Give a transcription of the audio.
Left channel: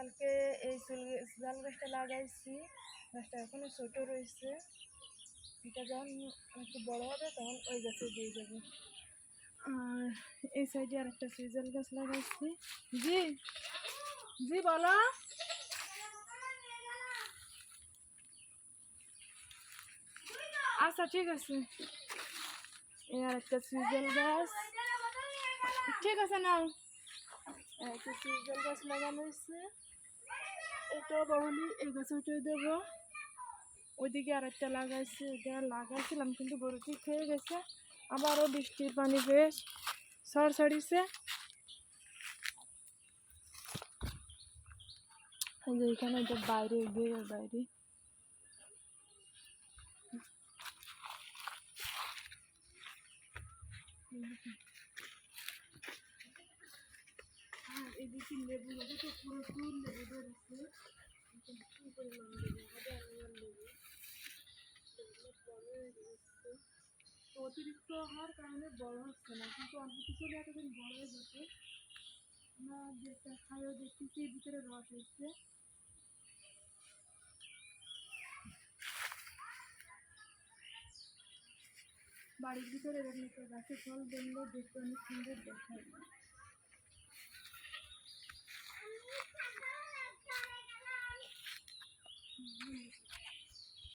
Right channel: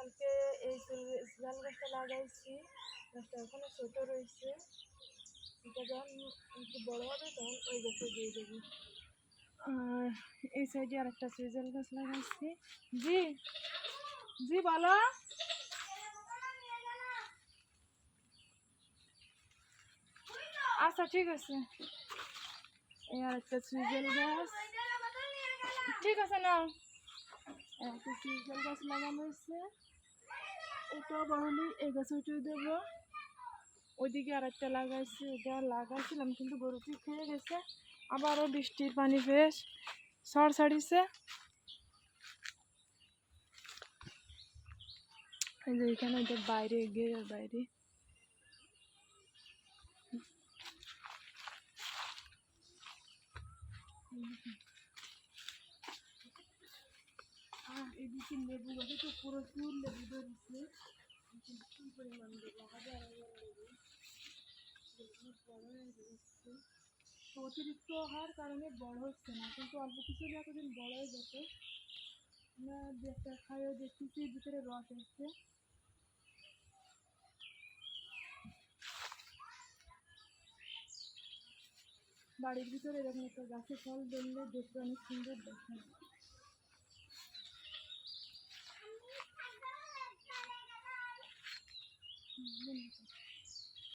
কালকে এই জাল গাছটা লাগাইছি, গাছটা এখনো ছোট রয়েছে, এটা যখন একটু বড় হবে তখন ওই গাছে দিয়ে দেবো। আর এই সাইডে আর একটা সিজাল গাছ লাগাইছি। জি জি বলো। আচ্ছা ঠিক আছে। এই আর একটা সিজাল গাছ, ঠিক আছে না, একটা সিজাল গাছ লাগানো হয়েছে, এটা বড়লি এই গাছ উঠিয়ে দেবো। ওইদিকে আর একটা লাগাইছি, এটা লাগাইছিলাম কিন্তু গরুটি খেয়ে গেছে, আবারও বৃষ্টির পানি পেয়ে সর ছাড়িছে। এই যে এখানে এটা বাইরে গিয়ে বাইরে আর এদিকে লেবু গাছে তো প্রচুর লেবু ধরেছে, কি পরিমাণ লেবু, হাজার হাজার লেবু, লেবুগুলো বড় হয়ে গেছে। অতিরিক্ত হওয়ার কারণে বড় হচ্ছে না, কিন্তু অল্প কিছু এতদিন বড় হয়ে যেত না। দু একটা খাইও দেখতেছি ভিতরে রস এসছে। বাড়ির ভিতরে এরকম একটা গাছে ফল ধরলে দেখতে অনেক সুন্দর দেখায়।